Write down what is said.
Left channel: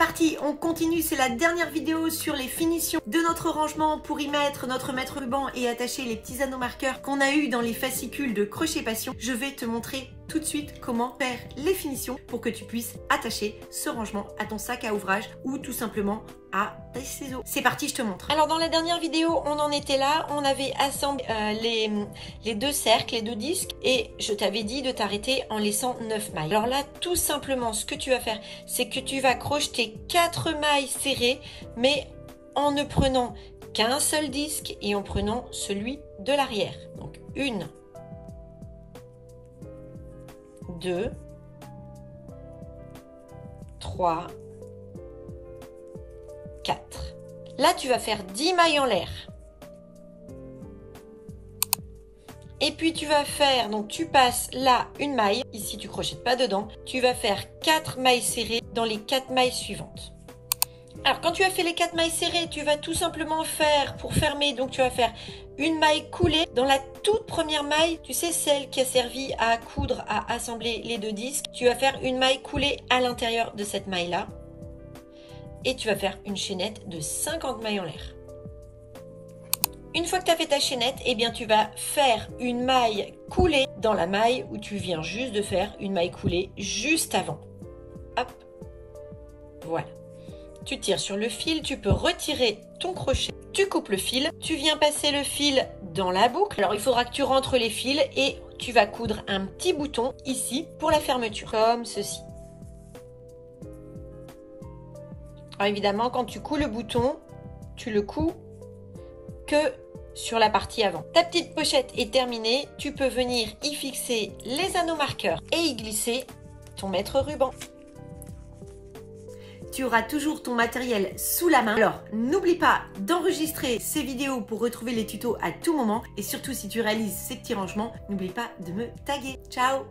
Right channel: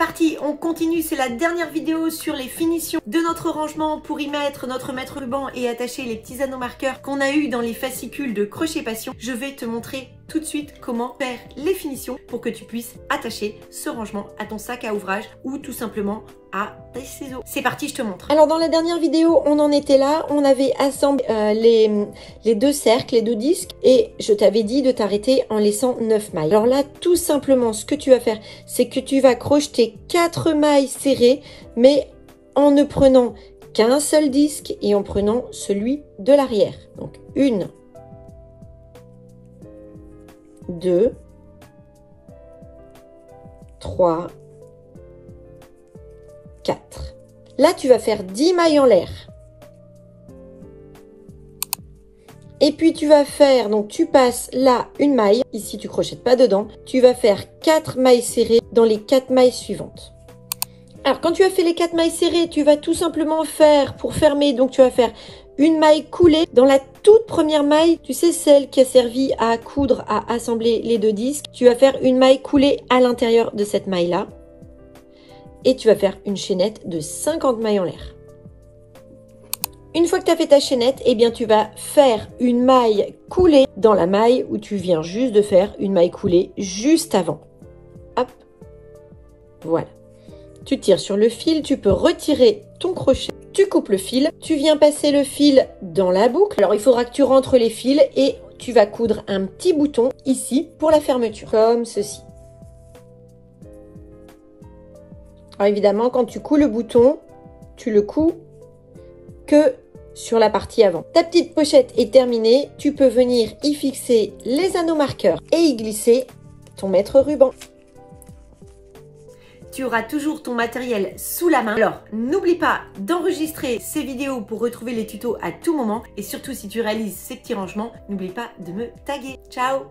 parti, on continue, c'est la dernière vidéo sur les finitions de notre rangement pour y mettre notre maître ruban et attacher les petits anneaux marqueurs qu'on a eu dans les fascicules de Crochet Passion. Je vais te montrer tout de suite comment faire les finitions pour que tu puisses attacher ce rangement à ton sac à ouvrage ou tout simplement à tes ciseaux. C'est parti, je te montre. Alors dans la dernière vidéo, on en était là, on avait assemblé les deux cercles, les deux disques et je t'avais dit de t'arrêter en laissant 9 mailles. Alors là, tout simplement, ce que tu vas faire, c'est que tu vas crocheter 4 mailles serrées, mais en ne prenant qu'un seul disque et en prenant celui de l'arrière. Donc 1, 2, 3, 4. Là, tu vas faire 10 mailles en l'air. Et puis, tu vas faire, donc tu passes là une maille. Ici, tu crochettes pas dedans. Tu vas faire 4 mailles serrées dans les 4 mailles suivantes. Alors, quand tu as fait les 4 mailles serrées, tu vas tout simplement faire, pour fermer, donc tu vas faire une maille coulée dans la toute première maille, tu sais, celle qui a servi à coudre, à assembler les deux disques. Tu vas faire une maille coulée à l'intérieur de cette maille-là. Et tu vas faire une chaînette de 50 mailles en l'air. Une fois que tu as fait ta chaînette, eh bien tu vas faire une maille coulée dans la maille où tu viens juste de faire une maille coulée juste avant. Hop, voilà. Tu tires sur le fil, tu peux retirer ton crochet, tu coupes le fil, tu viens passer le fil dans la boucle. Alors il faudra que tu rentres les fils et tu vas coudre un petit bouton ici pour la fermeture, comme ceci. Alors évidemment, quand tu couds le bouton, tu le couds que sur la partie avant. Ta petite pochette est terminée, tu peux venir y fixer les anneaux marqueurs et y glisser ton maître ruban. Tu auras toujours ton matériel sous la main. Alors, n'oublie pas d'enregistrer ces vidéos pour retrouver les tutos à tout moment. Et surtout, si tu réalises ces petits rangements, n'oublie pas de me taguer. Ciao!